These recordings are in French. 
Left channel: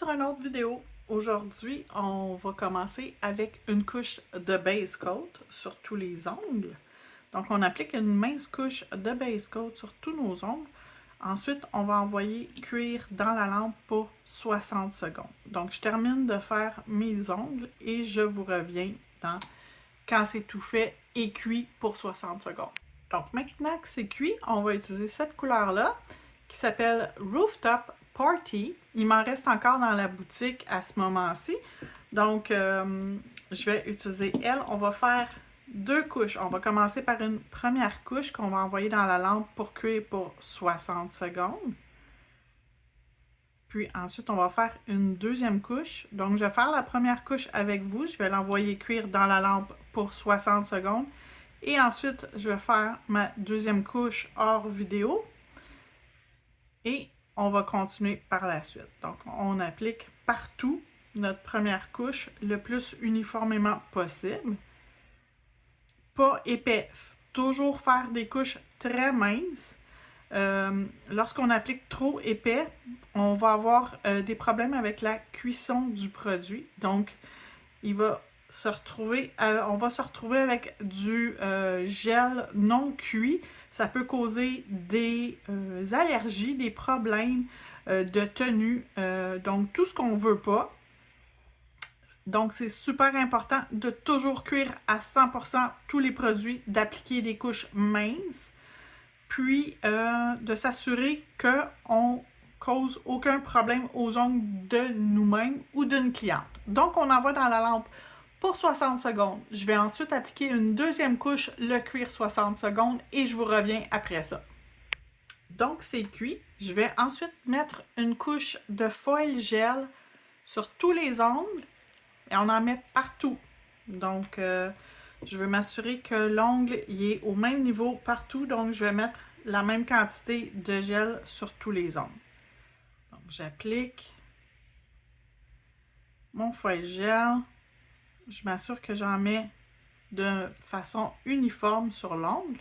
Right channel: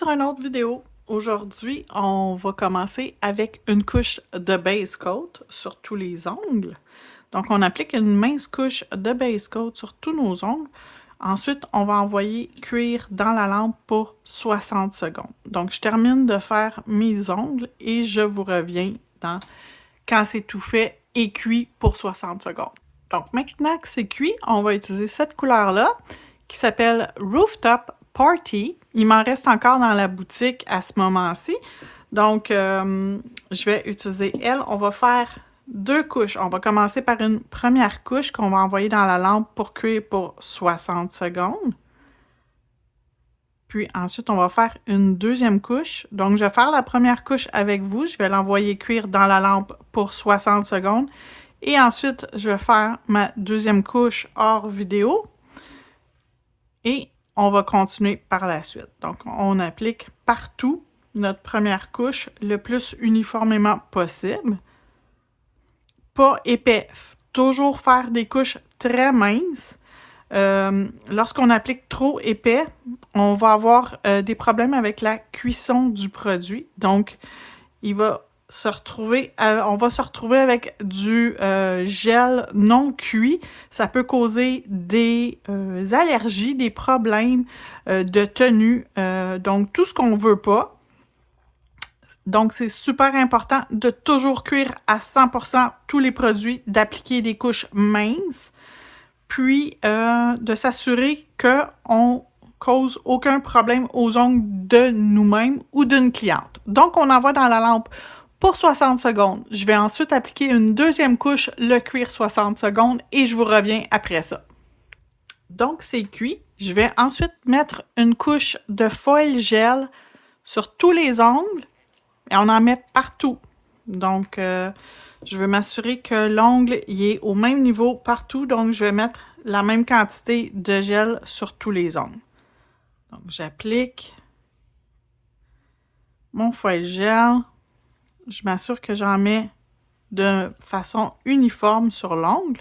sur une autre vidéo. Aujourd'hui, on va commencer avec une couche de base coat sur tous les ongles. Donc, on applique une mince couche de base coat sur tous nos ongles. Ensuite, on va envoyer cuire dans la lampe pour 60 secondes. Donc, je termine de faire mes ongles et je vous reviens quand c'est tout fait et cuit pour 60 secondes. Donc, maintenant que c'est cuit, on va utiliser cette couleur-là qui s'appelle Rooftop Party. Il m'en reste encore dans la boutique à ce moment-ci. Donc, je vais utiliser elle. On va faire deux couches. On va commencer par une première couche qu'on va envoyer dans la lampe pour cuire pour 60 secondes. Puis ensuite, on va faire une deuxième couche. Donc, je vais faire la première couche avec vous. Je vais l'envoyer cuire dans la lampe pour 60 secondes. Et ensuite, je vais faire ma deuxième couche hors vidéo. Et on va continuer par la suite. Donc, on applique partout notre première couche le plus uniformément possible. Pas épais. Toujours faire des couches très minces. Lorsqu'on applique trop épais, on va avoir des problèmes avec la cuisson du produit. Donc, on va se retrouver avec du gel non cuit. Ça peut causer des allergies, des problèmes de tenue. Donc, tout ce qu'on ne veut pas. Donc, c'est super important de toujours cuire à 100% tous les produits, d'appliquer des couches minces, puis de s'assurer qu'on cause aucun problème aux ongles de nous-mêmes ou d'une cliente. Donc, on envoie dans la lampe pour 60 secondes. Je vais ensuite appliquer une deuxième couche, le cuire 60 secondes et je vous reviens après ça. Donc, c'est cuit. Je vais ensuite mettre une couche de foil gel sur tous les ongles et on en met partout. Donc, je vais m'assurer que l'ongle est au même niveau partout. Donc, je vais mettre la même quantité de gel sur tous les ongles. Donc, j'applique mon foil gel. Je m'assure que j'en mets de façon uniforme sur l'ongle.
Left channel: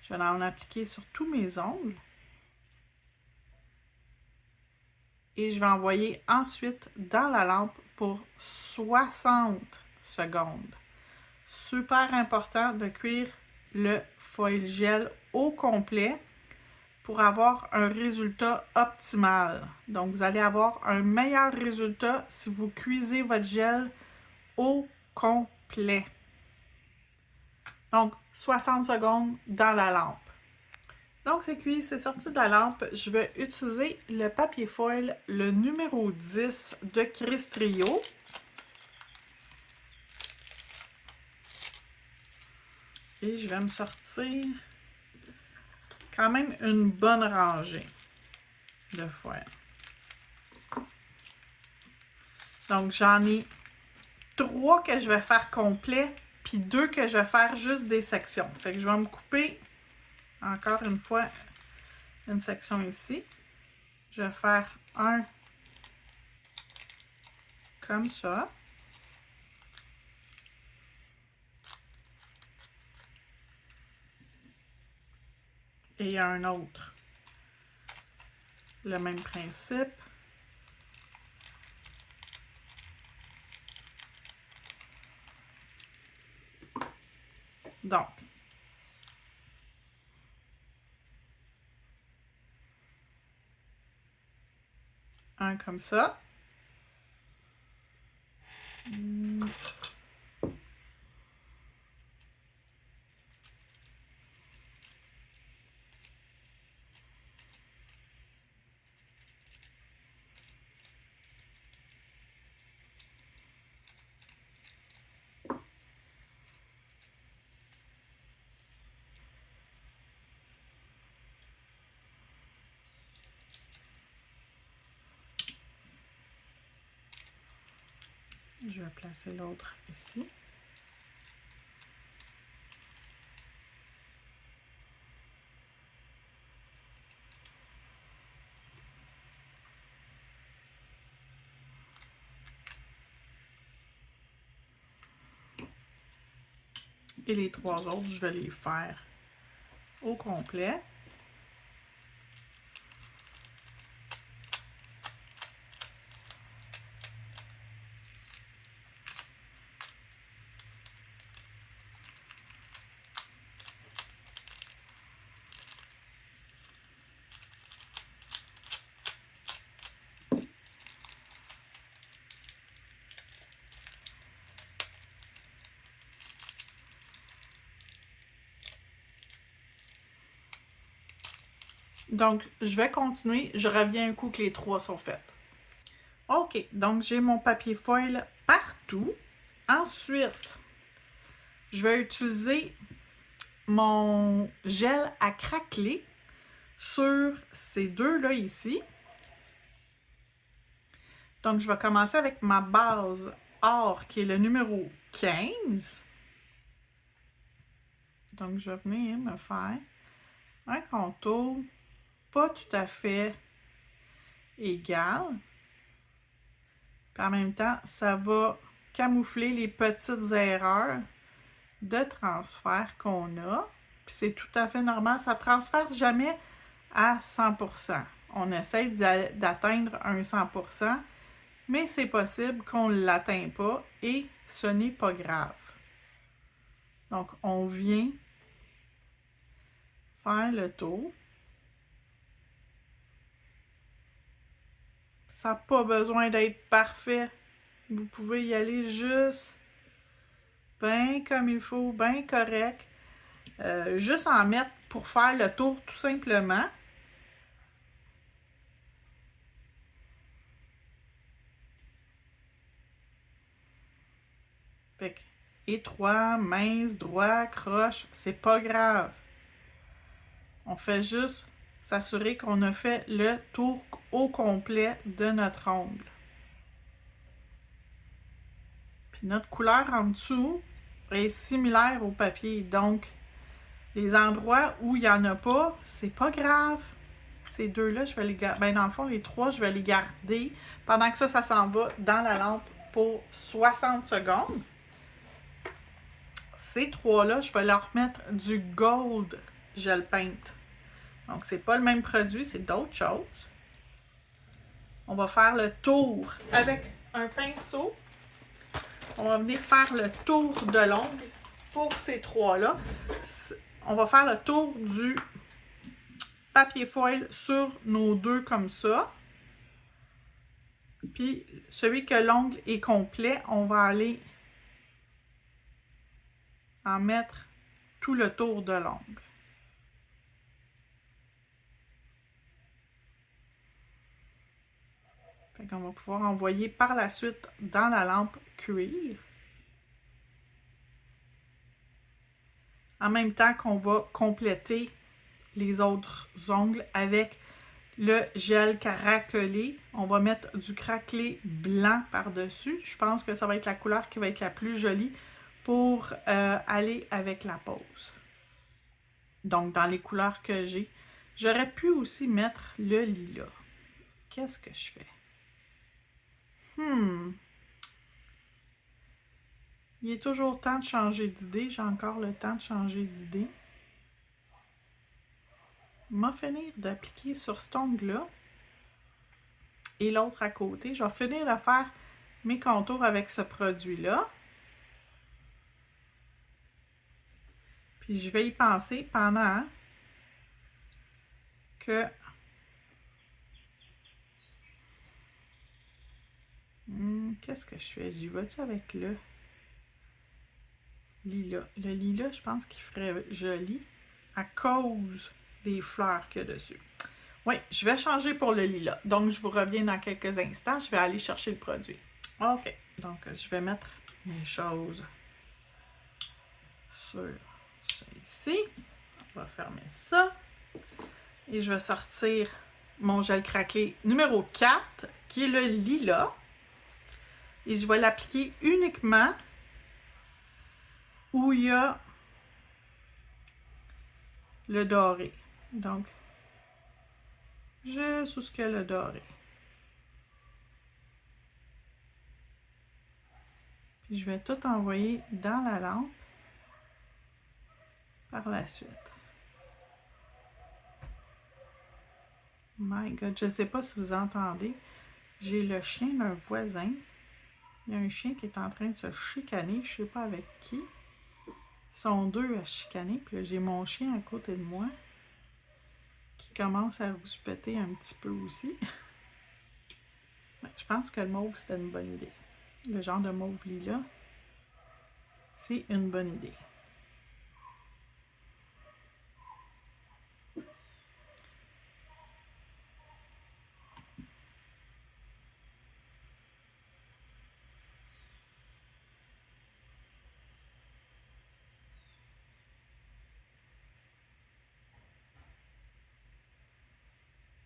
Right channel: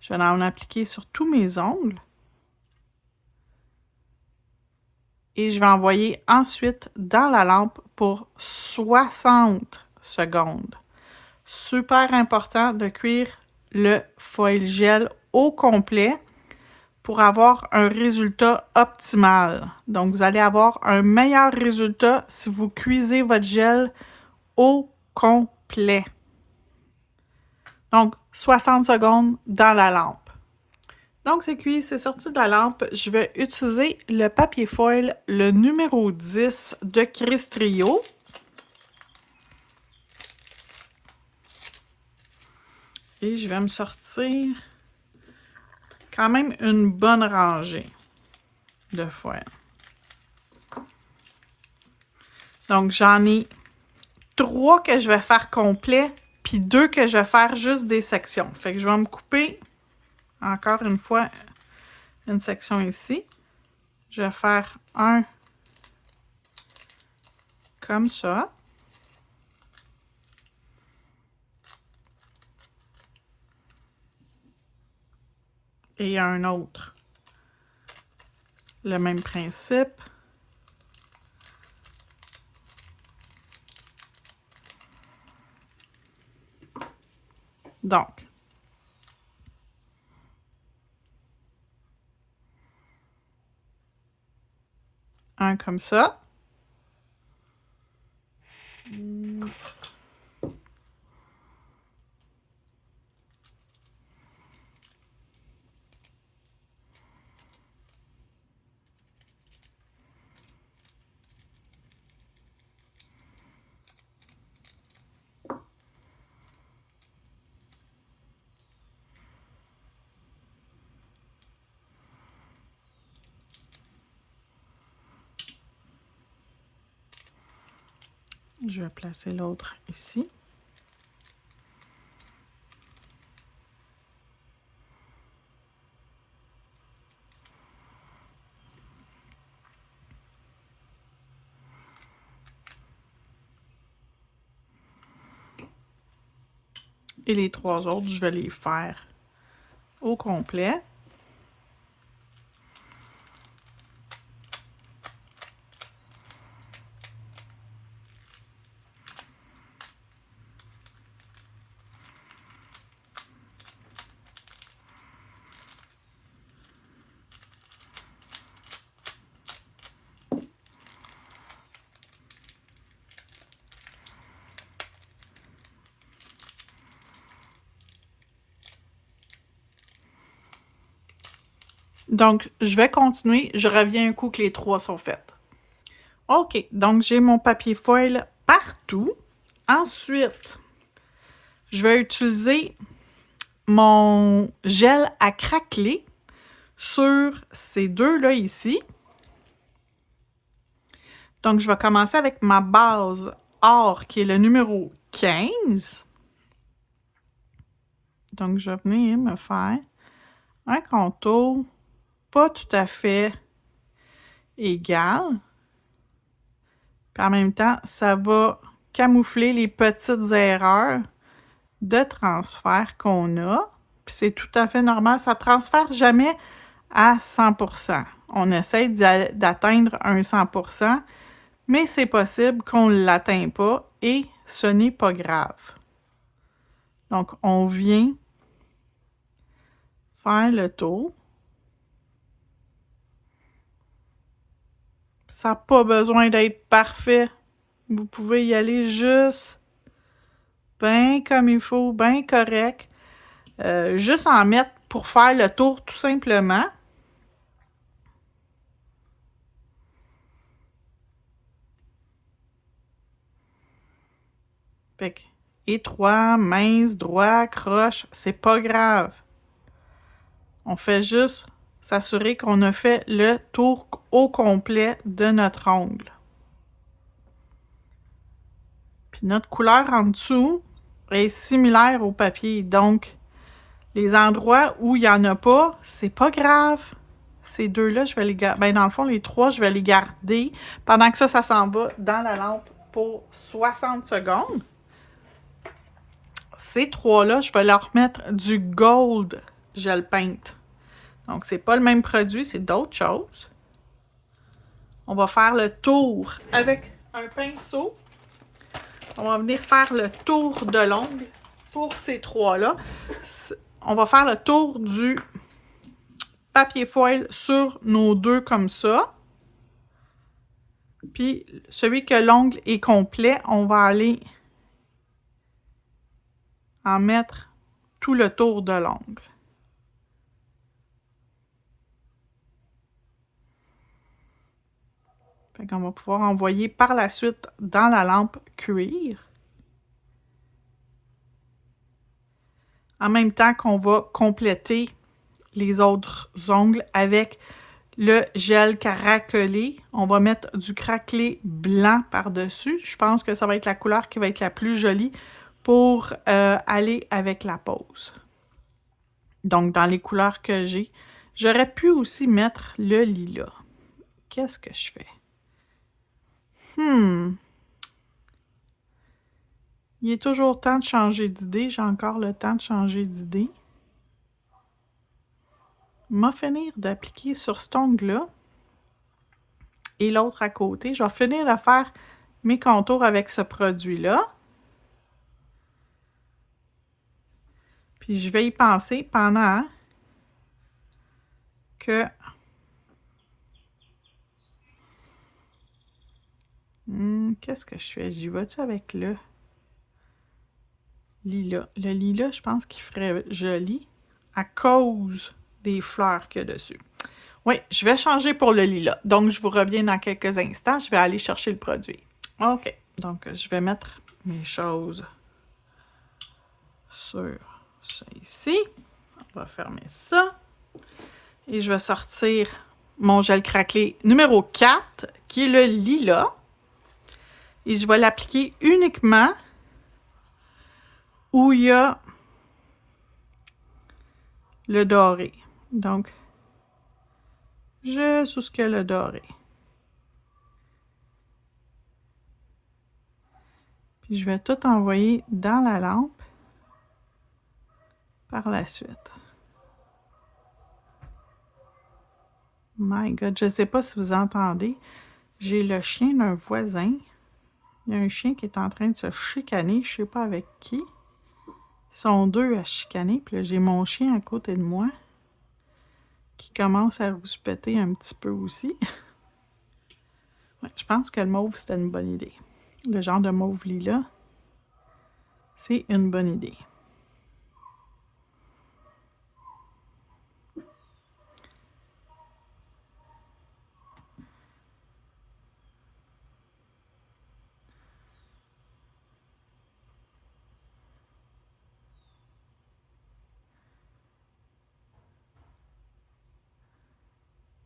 Je vais en appliquer sur tous mes ongles. Et je vais envoyer ensuite dans la lampe pour 60 secondes. Super important de cuire le foil gel au complet pour avoir un résultat optimal. Donc, vous allez avoir un meilleur résultat si vous cuisez votre gel au complet. Donc, 60 secondes dans la lampe. Donc, c'est cuit, c'est sorti de la lampe. Je vais utiliser le papier foil, le numéro 10 de Crystrio. Et je vais me sortir quand même une bonne rangée de foil. Donc, j'en ai 3 que je vais faire complet, puis 2 que je vais faire juste des sections. Fait que je vais me couper encore une fois une section ici. Je vais faire un comme ça. Et un autre. Le même principe. Donc, un comme ça. Je vais placer l'autre ici. Et les 3 autres, je vais les faire au complet. Donc, je vais continuer. Je reviens un coup que les 3 sont faites. OK, donc j'ai mon papier foil partout. Ensuite, je vais utiliser mon gel à craqueler sur ces deux-là ici. Donc, je vais commencer avec ma base or qui est le numéro 15. Donc, je vais venir me faire un contour pas tout à fait égal. Puis en même temps, ça va camoufler les petites erreurs de transfert qu'on a. Puis c'est tout à fait normal, ça ne transfère jamais à 100%. On essaie d'atteindre un 100%, mais c'est possible qu'on ne l'atteigne pas et ce n'est pas grave. Donc, on vient faire le tour. Ça n'a pas besoin d'être parfait. Vous pouvez y aller juste bien comme il faut, bien correct. Juste en mettre pour faire le tour tout simplement. Fait que étroit, mince, droit, croche, c'est pas grave. On fait juste s'assurer qu'on a fait le tour au complet de notre ongle. Puis notre couleur en dessous est similaire au papier. Donc, les endroits où il n'y en a pas, c'est pas grave. Ces deux-là, je vais les garder. Ben, dans le fond, les trois, je vais les garder pendant que ça s'en va dans la lampe pour 60 secondes. Ces trois-là, je vais leur mettre du Gold Gel Paint. Donc, c'est pas le même produit, c'est d'autres choses. On va faire le tour avec un pinceau. On va venir faire le tour de l'ongle pour ces trois-là. On va faire le tour du papier foil sur nos deux comme ça. Puis, celui que l'ongle est complet, on va aller en mettre tout le tour de l'ongle. Fait qu'on va pouvoir envoyer par la suite dans la lampe cuir. En même temps qu'on va compléter les autres ongles avec le gel craquelé. On va mettre du craquelé blanc par-dessus. Je pense que ça va être la couleur qui va être la plus jolie pour aller avec la pose. Donc, dans les couleurs que j'ai, j'aurais pu aussi mettre le lilas. Qu'est-ce que je fais? Il est toujours temps de changer d'idée. J'ai encore le temps de changer d'idée. Je vais finir d'appliquer sur cet ongle-là et l'autre à côté. Je vais finir de faire mes contours avec ce produit-là. Puis je vais y penser pendant que qu'est-ce que je fais? J'y vais-tu avec le lilas? Le lilas, je pense qu'il ferait joli à cause des fleurs qu'il y a dessus. Oui, je vais changer pour le lilas. Donc, je vous reviens dans quelques instants. Je vais aller chercher le produit. OK. Donc, je vais mettre mes choses sur ça ici. On va fermer ça. Et je vais sortir mon gel craquelé numéro 4, qui est le lilas. Et je vais l'appliquer uniquement où il y a le doré. Donc, juste où il y a le doré. Puis je vais tout envoyer dans la lampe par la suite. My God, je ne sais pas si vous entendez. J'ai le chien d'un voisin. Il y a un chien qui est en train de se chicaner, je ne sais pas avec qui. Ils sont deux à chicaner. Puis là, j'ai mon chien à côté de moi qui commence à rouspéter un petit peu aussi. Ouais, je pense que le mauve, c'était une bonne idée. Le genre de mauve lilas, c'est une bonne idée.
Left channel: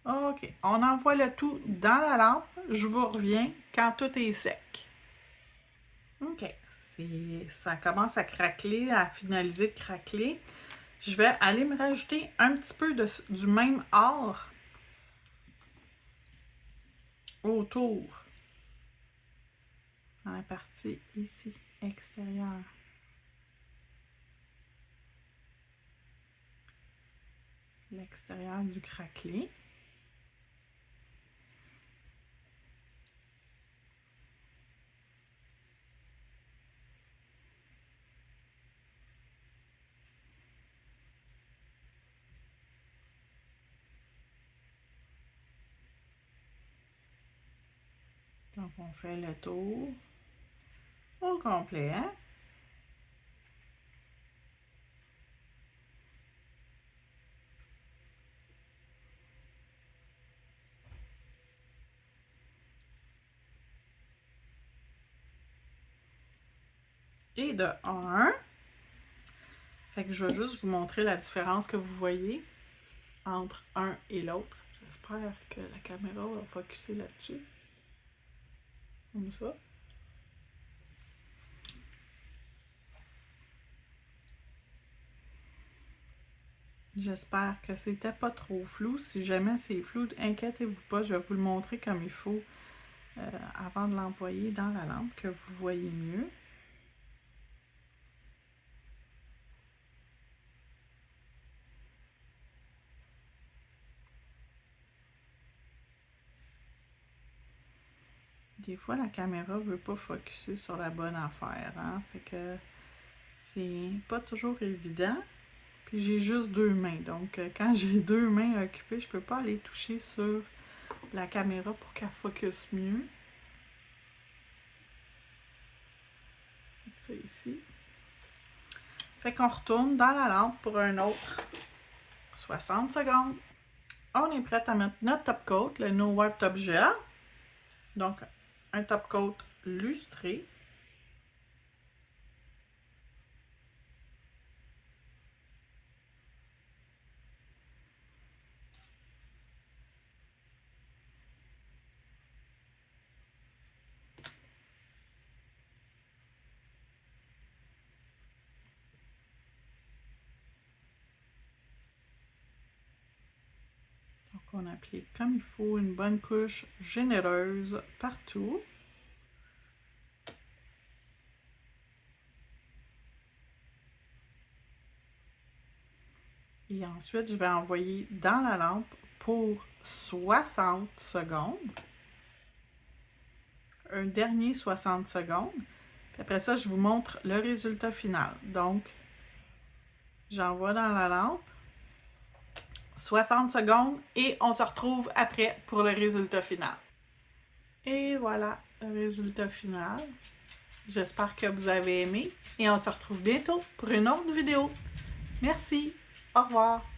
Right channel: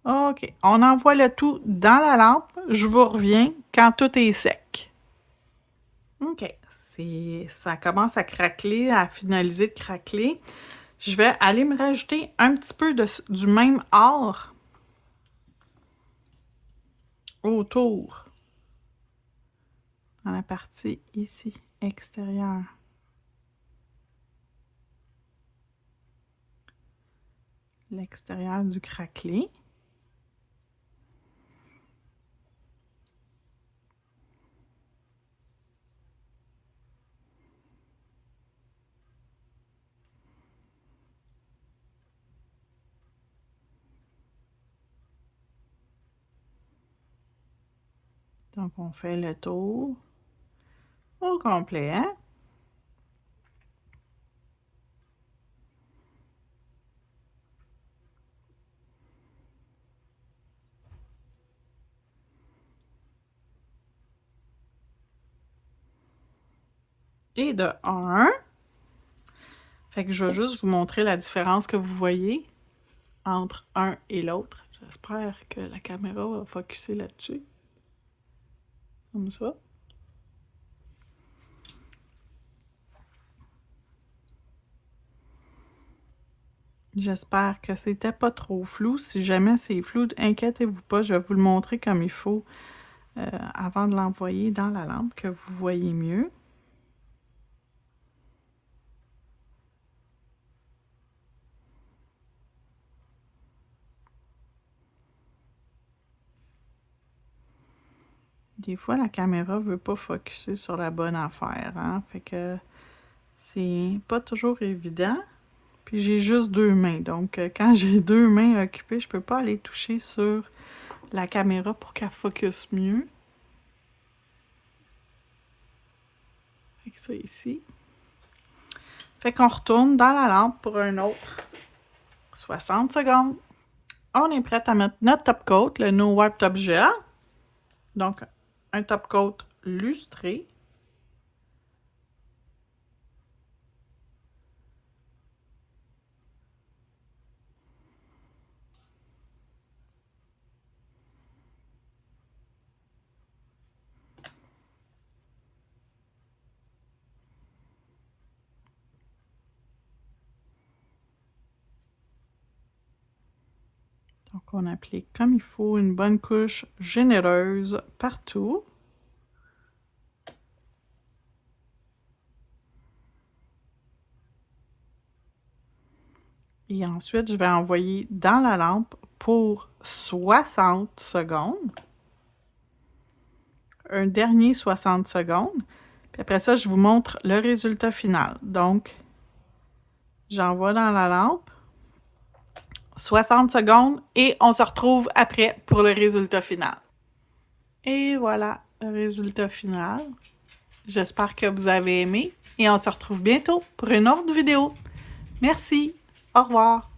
OK, on envoie le tout dans la lampe. Je vous reviens quand tout est sec. OK, ça commence à craqueler, à finaliser de craqueler. Je vais aller me rajouter un petit peu du même or autour, dans la partie ici, extérieure. L'extérieur du craquelé. Donc, on fait le tour au complet, hein? Et de 1. Fait que je vais juste vous montrer la différence que vous voyez entre un et l'autre. J'espère que la caméra va focusser là-dessus. Comme ça. J'espère que c'était pas trop flou. Si jamais c'est flou, inquiétez-vous pas, je vais vous le montrer comme il faut avant de l'envoyer dans la lampe, que vous voyez mieux. Des fois, la caméra veut pas focusser sur la bonne affaire, hein? Fait que c'est pas toujours évident. Puis j'ai juste 2 mains, donc quand j'ai 2 mains occupées, je peux pas aller toucher sur la caméra pour qu'elle focus mieux. Fait que ça ici. Fait qu'on retourne dans la lampe pour un autre 60 secondes. On est prêt à mettre notre top coat, le No Wipe Top Gel. Donc, un top coat lustré. Donc, on applique comme il faut une bonne couche généreuse partout. Et ensuite, je vais envoyer dans la lampe pour 60 secondes. Un dernier 60 secondes. Puis après ça, je vous montre le résultat final. Donc, j'envoie dans la lampe 60 secondes et on se retrouve après pour le résultat final. Et voilà le résultat final. J'espère que vous avez aimé et on se retrouve bientôt pour une autre vidéo. Merci. Au revoir.